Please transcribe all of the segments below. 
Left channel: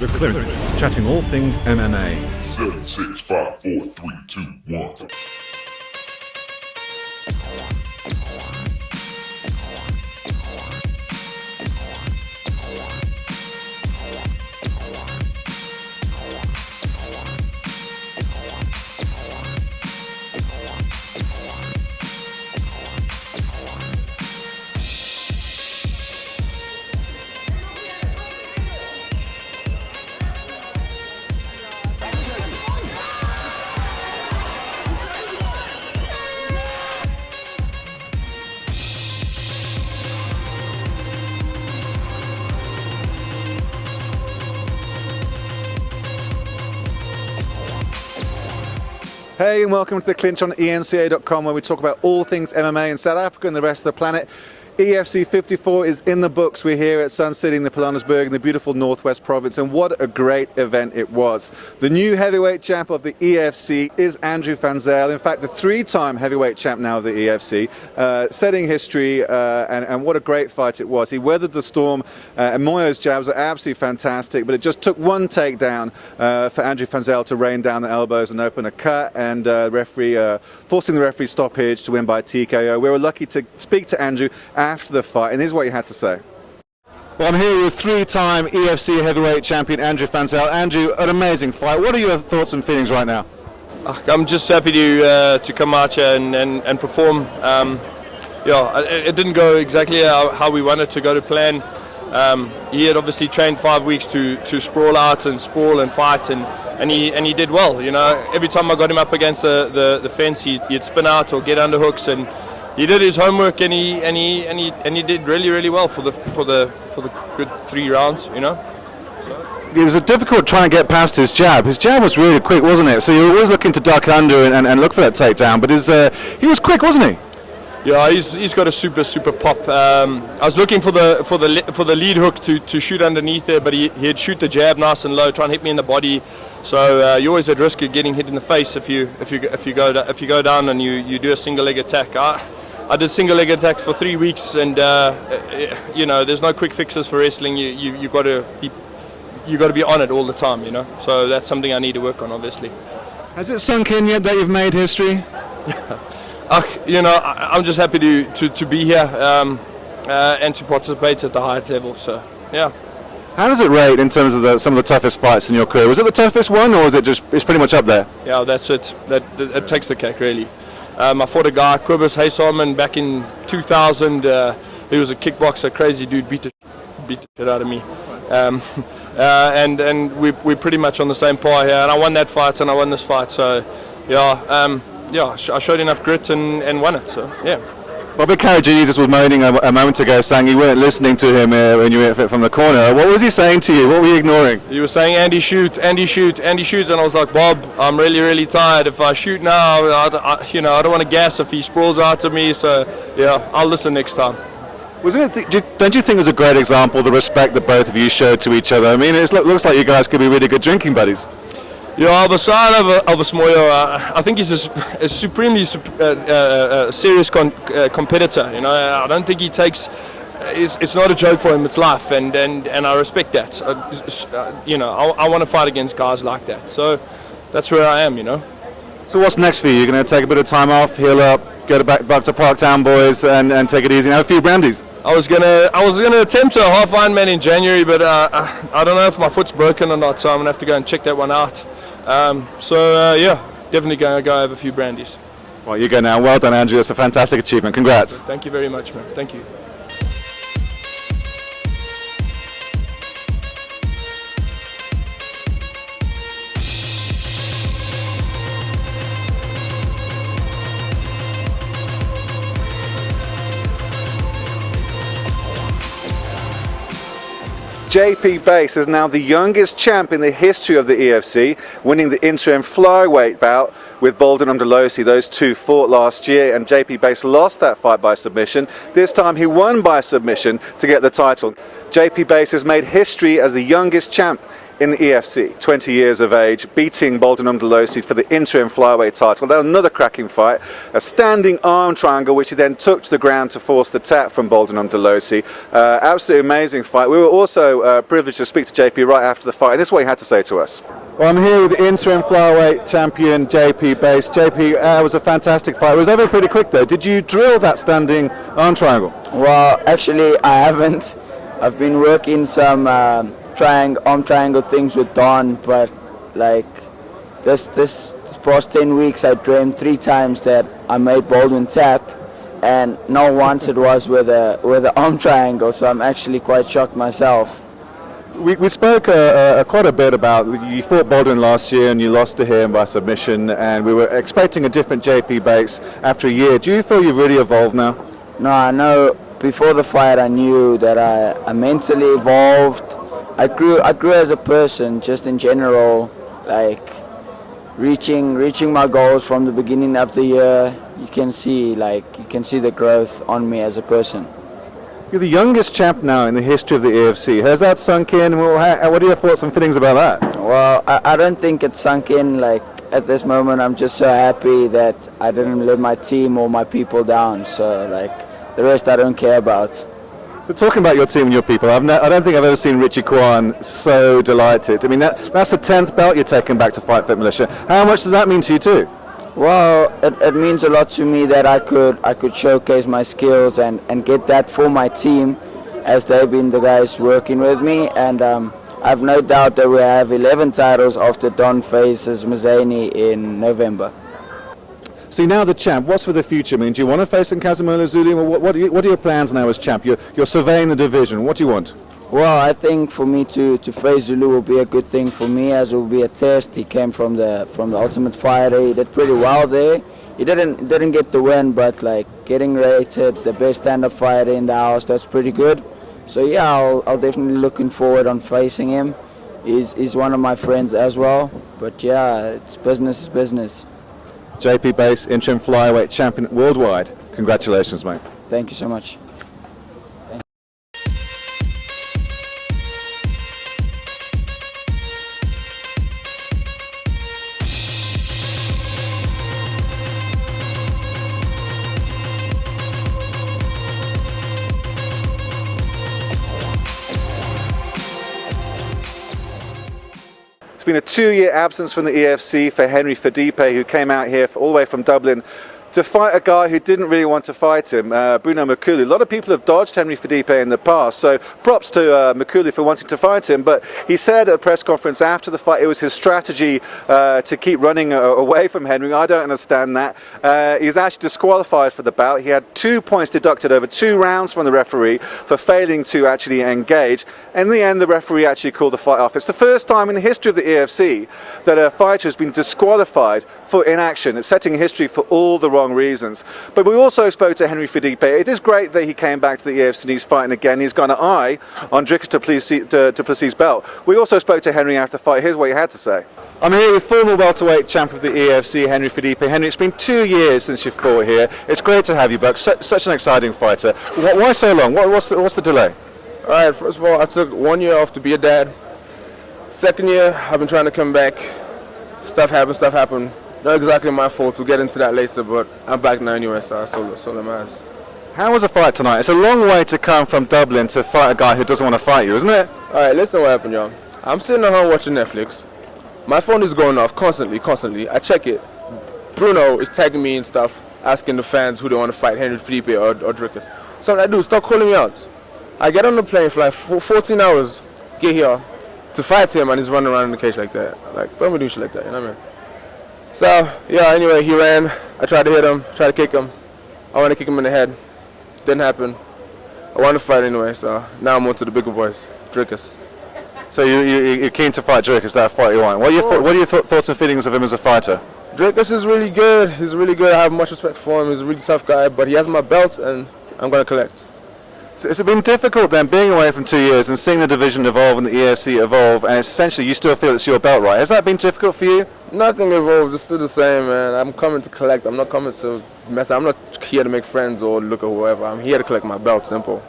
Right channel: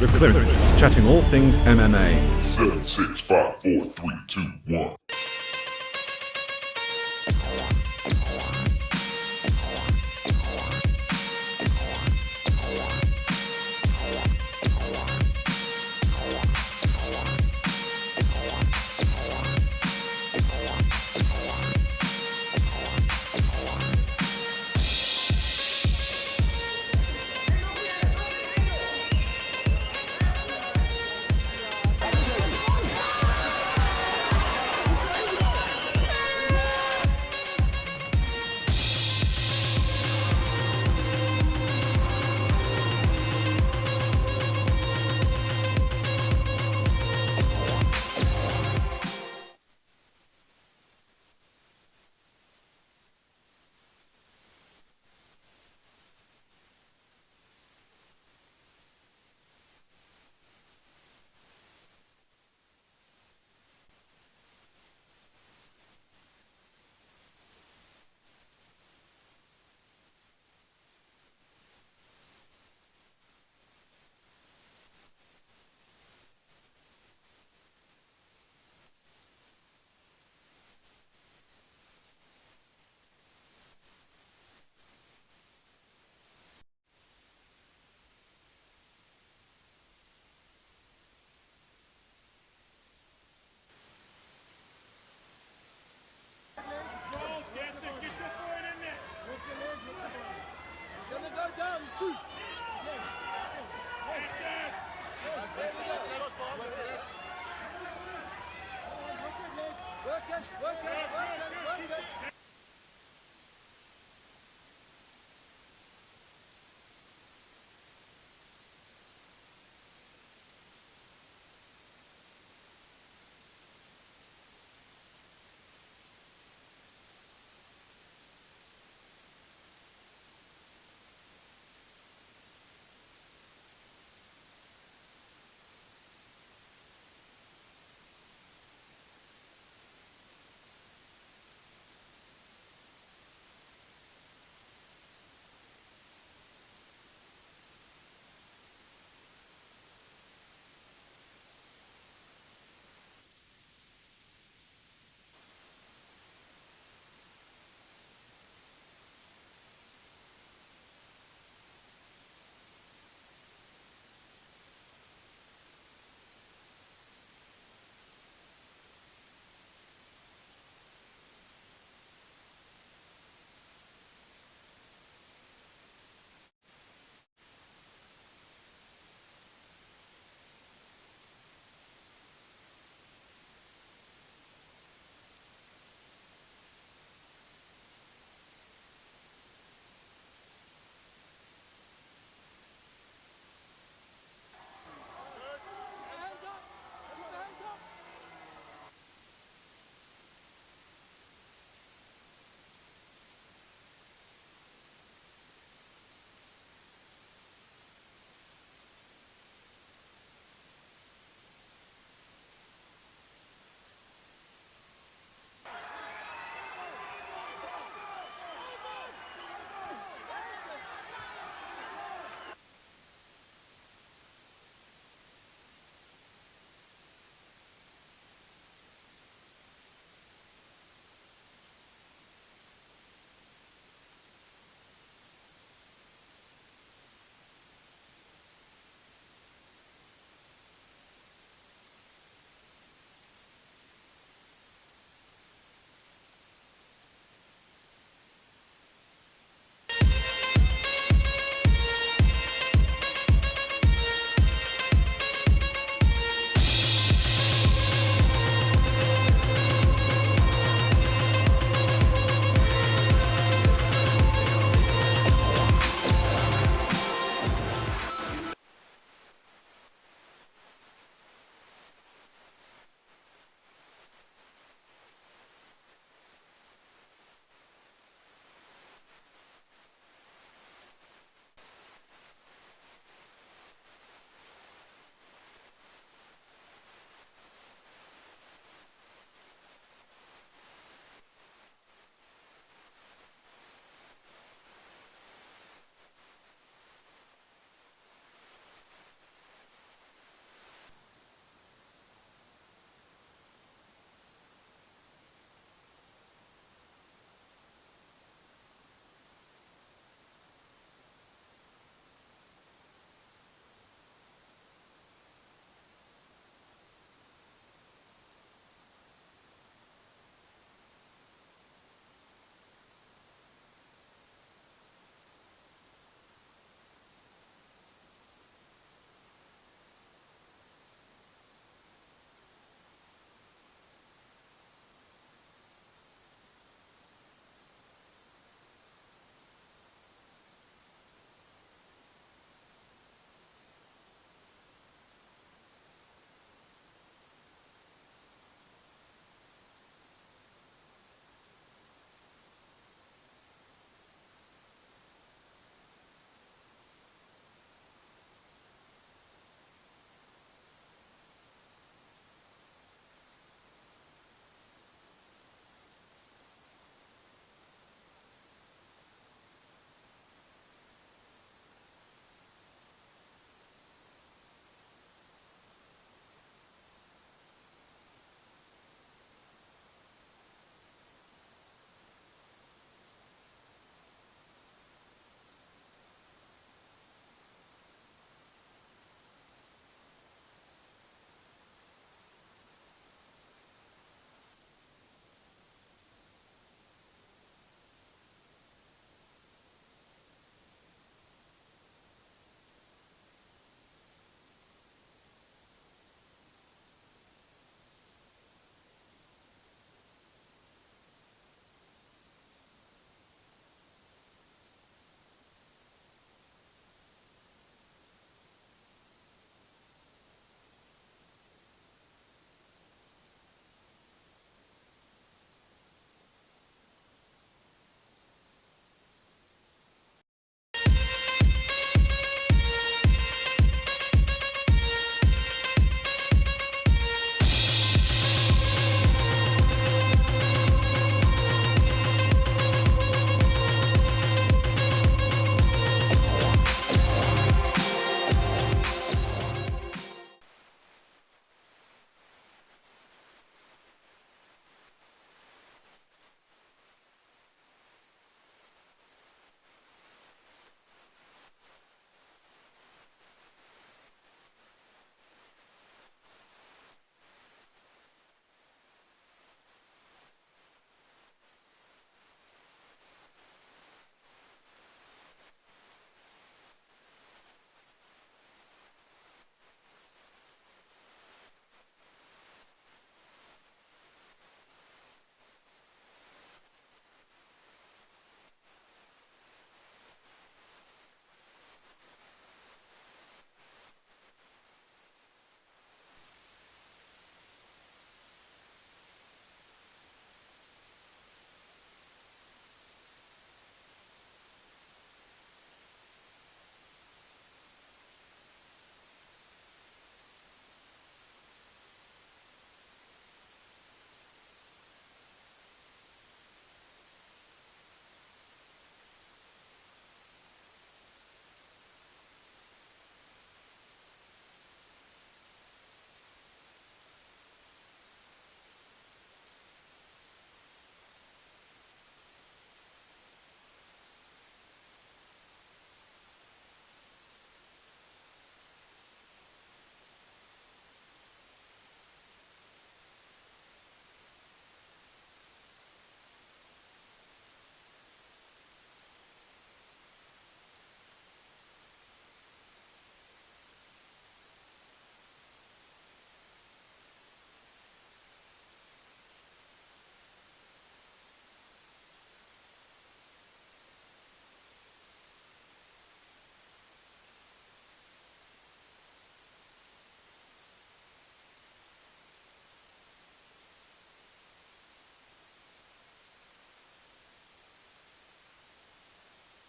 with Clinch, chatting all things MMA. 7, 6, 5, 4, 3, 2, 1. Hey, and welcome to the Clinch on eNCA.com, where we talk about all things MMA in South Africa and the rest of the planet. EFC 54 is in the books. We're here at Sun City in the Pilanesberg in the beautiful Northwest Province, and what a great event it was. The new heavyweight champ of the EFC is Andrew van Zyl. In fact, the three-time heavyweight champ now of the EFC, setting history, and what a great fight it was. He weathered the storm, and Moyo's jabs are absolutely fantastic, but it just took one takedown for Andrew van Zyl to rain down the elbows and open a cut, and forcing the referee stoppage to win by TKO. We were lucky to speak to Andrew after the fight, and here's what he had to say. Well, I'm here with three-time EFC heavyweight champion Andrew van Zyl. Andrew, an amazing fight. What are your thoughts and feelings right now? I'm just happy to come out here and perform. It didn't go exactly how we wanted to go to plan. He had obviously trained 5 weeks to sprawl out and sprawl and fight, and he did well. You know, every time I got him up against the fence, he'd spin out or get underhooks, and he did his homework, and he did really well for the good 3 rounds. You know. It was difficult trying to get past his jab. His jab was really quick, wasn't it? So you were always looking to duck under and look for that takedown. But he was quick, wasn't he? Yeah, he's got a super pop. I was looking for the lead hook to shoot underneath there, but he'd shoot the jab nice and low, try and hit me in the body. So you're always at risk of getting hit in the face if you go down and you do a single leg attack. I did single leg attacks for 3 weeks, and you know, there's no quick fixes for wrestling. You got to be on it all the time, you know. So that's something I need to work on, obviously. Has it sunk in yet that you've made history? You know, I'm just happy to be here and to participate at the highest level. So yeah. How does it rate in terms of some of the toughest fights in your career? Was it the toughest one, or is it it's pretty much up there? Yeah, that's it. That takes the cake, really. I fought a guy, Kobus Haysalman, back in 2000. He was a kickboxer, crazy dude, beat the shit out of me. And we're pretty much on the same par here. And I won that fight, and I won this fight. So yeah, I showed enough grit and won it. So yeah. Bobby Caragini just was moaning a moment ago, saying you weren't listening to him when you went from the corner. What was he saying to you? What were you ignoring? He was saying, Andy, shoot, Andy, shoot, Andy, shoot. And I was like, Bob, I'm really tired. If I shoot now, I don't want to gas if he sprawls out at me. So, yeah, I'll listen next time. Don't you think it was a great example, the respect that both of you showed to each other? I mean, it looks like you guys could be really good drinking buddies. Yeah, beside of Moyo, I think he's a supremely serious competitor. You know, I don't think he takes. It's not a joke for him. It's life, and I respect that. You know, I want to fight against guys like that. So that's where I am. You know. So what's next for you? You're going to take a bit of time off, heal up, go back to Parktown, boys, and take it easy and have a few brandies. I was gonna attempt a half Ironman in January, but I don't know if my foot's broken or not. So I'm gonna have to go and check that one out. Yeah, definitely going to go have a few brandies. Well, you go now. Well done, Andrew. It's a fantastic achievement. Congrats. Thank you very much, man. Thank you. JP Bass is now the youngest champ in the history of the EFC, winning the interim flyweight bout with Bolden Umdelosi. Those two fought last year, and JP Bass lost that fight by submission. This time he won by submission to get the title. JP Bass has made history as the youngest champ in the EFC, 20 years of age, beating Bolden Umdelosi for the interim flyweight title. Then another cracking fight, a standing arm triangle, which he then took to the ground to force the tap from Bolden Umdelosi. Absolutely amazing fight. We were also privileged to speak to JP right after the fight, and this is what he had to say to us. Well, I'm here with the interim flyweight champion, JP Bass. JP, it was a fantastic fight. It was over pretty quick, though. Did you drill that standing arm triangle? Well, actually, I haven't. I've been working some arm triangle things with Don, but like this past 10 weeks, I dreamed 3 times that I made Baldwin tap, and not once it was with a arm triangle. So I'm actually quite shocked myself. We spoke quite a bit about, you fought Baldwin last year and you lost to him by submission, and we were expecting a different JP Bass after a year. Do you feel you've really evolved now? No, I know. Before the fight, I knew that I mentally evolved. I grew as a person, just in general, like reaching my goals from the beginning of the year. You can see the growth on me as a person. You're the youngest champ now in the history of the EFC. Has that sunk in? Well, what are your thoughts and feelings about that? Well, I don't think it's sunk in. Like at this moment, I'm just so happy that I didn't let my team or my people down. So like the rest, I don't care about. So talking about your team and your people, I don't think I've ever seen Richie Kwan so delighted. I mean, that's the 10th belt you're taking back to Fight Fit Militia. How much does that mean to you too? Well, it means a lot to me that I could showcase my skills and get that for my team, as they've been the guys working with me. And I've no doubt that we have 11 titles after Don faces Mazani in November. So you're now the champ. What's for the future? I mean, do you want to face Nkazimula Zulu? What are your plans now as champ? You're surveying the division. What do you want? Well, I think for me to face Zulu will be a good thing for me, as it will be a test. He came from the Ultimate Fighter. He did pretty well there. He didn't get the win, but like getting rated the best stand-up fighter in the house, that's pretty good. So yeah, I'll definitely looking forward on facing him. He's one of my friends as well. But yeah, it's business is business. JP Bass, interim flyweight champion worldwide. Congratulations, mate. Thank you so much. It's been a 2-year absence from the EFC for Henry Fadipe, who came out here all the way from Dublin to fight a guy who didn't really want to fight him, Bruno Makulu. A lot of people have dodged Henry Fadipe in the past, so props to Makulu for wanting to fight him. But he said at a press conference after the fight it was his strategy to keep running away from Henry. I don't understand that. He's actually disqualified for the bout. He had 2 points deducted over 2 rounds from the referee for failing to actually engage. In the end, the referee actually called the fight off. It's the first time in the history of the EFC that a fighter has been disqualified for inaction. It's setting history for all the wrong reasons. But we also spoke to Henry Fadipe. It is great that he came back to the EFC and he's fighting again. He's got an eye on Dricus du Plessis' belt. We also spoke to Henry after the fight. Here's what he had to say. I'm here with former welterweight champ of the EFC, Henry Fadipe. Henry, it's been 2 years since you fought here. It's great to have you back. Such an exciting fighter. Why so long? What's the delay? All right, first of all, I took 1 year off to be a dad. Second year, I've been trying to come back. Stuff happened. Not exactly my fault. We'll get into that later, but I'm back now anyway, so that's all that matters. How was the fight tonight? It's a long way to come from Dublin to fight a guy who doesn't want to fight you, isn't it? All right, listen what happened, y'all. I'm sitting at home watching Netflix. My phone is going off constantly. I check it. Bruno is tagging me and stuff, asking the fans who they want to fight, Henry Fadipe or Dricus. So I do, stop calling me out. I get on the plane, fly 14 hours, get here to fight him, and he's running around in the cage like that. Like, don't be doing shit like that, you know what I mean? So, yeah, anyway, he ran. I tried to hit him, tried to kick him. I wanted to kick him in the head. Didn't happen. I wanted to fight anyway, so now I'm on to the bigger boys, Dricus. So you're keen to fight Dricus, that fight you want. What are your thoughts and feelings of him as a fighter? Dricus is really good. He's really good. I have much respect for him. He's a really tough guy, but he has my belt, and I'm going to collect. So has it been difficult then, being away from 2 years and seeing the division evolve and the EFC evolve, and essentially you still feel it's your belt, right? Has that been difficult for you? Nothing evolved. It's still the same, man. I'm coming to collect. I'm not coming to mess. I'm not here to make friends or look at whoever. I'm here to collect my belt, simple.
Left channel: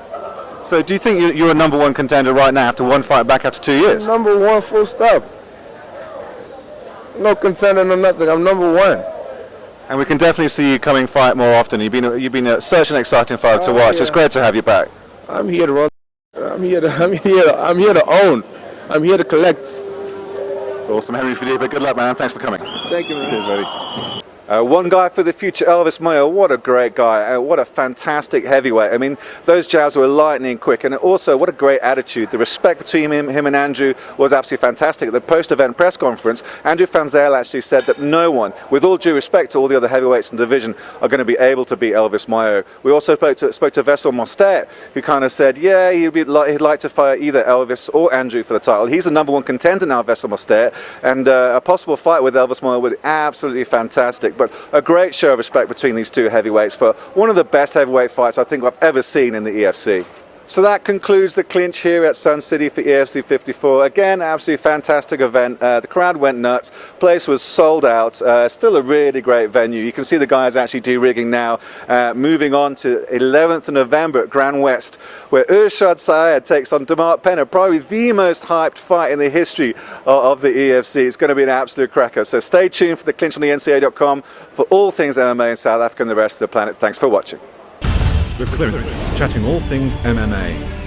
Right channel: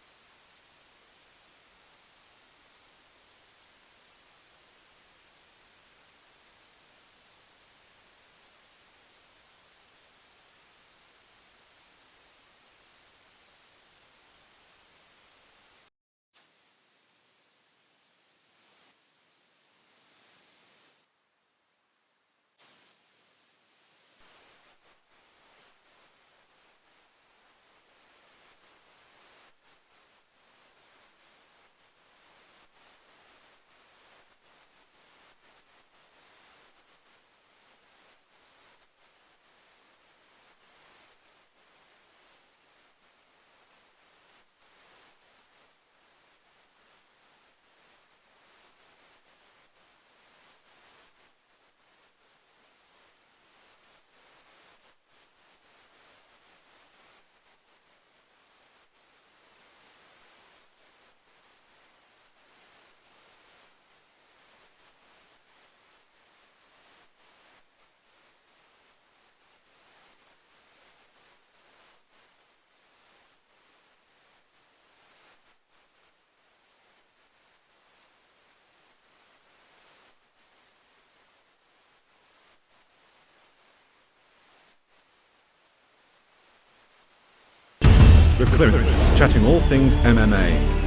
So do you think you're a number one contender right now after one fight back after 2 years? Number one, full stop. No contender, no nothing. I'm number one. And we can definitely see you coming fight more often. You've been such an exciting fighter to watch. Yeah. It's great to have you back. I'm here to run. I'm here to own. I'm here to collect. Awesome, Henry Fadiba. Good luck, man. Thanks for coming. Thank you, man. Cheers, buddy. One guy for the future, Elvis Mayo. What a great guy. What a fantastic heavyweight. I mean, those jabs were lightning quick. And also, what a great attitude. The respect between him and Andrew was absolutely fantastic. At the post-event press conference, Andrew Fanzel actually said that no one, with all due respect to all the other heavyweights in the division, are going to be able to beat Elvis Mayo. We also spoke to Vessel Mostet, who kind of said, yeah, he'd like to fight either Elvis or Andrew for the title. He's the number one contender now, Vessel Mostet. And a possible fight with Elvis Mayo would be absolutely fantastic. But a great show of respect between these two heavyweights for one of the best heavyweight fights I think I've ever seen in the EFC. So that concludes the clinch here at Sun City for EFC 54. Again, absolutely fantastic event. The crowd went nuts. Place was sold out. Still a really great venue. You can see the guys actually de-rigging now. Moving on to 11th of November at Grand West, where Urshad Syed takes on Demart Penner, probably the most hyped fight in the history of the EFC. It's going to be an absolute cracker. So stay tuned for the clinch on the eNCA.com for all things MMA in South Africa and the rest of the planet. Thanks for watching. The Clinch, chatting all things MMA.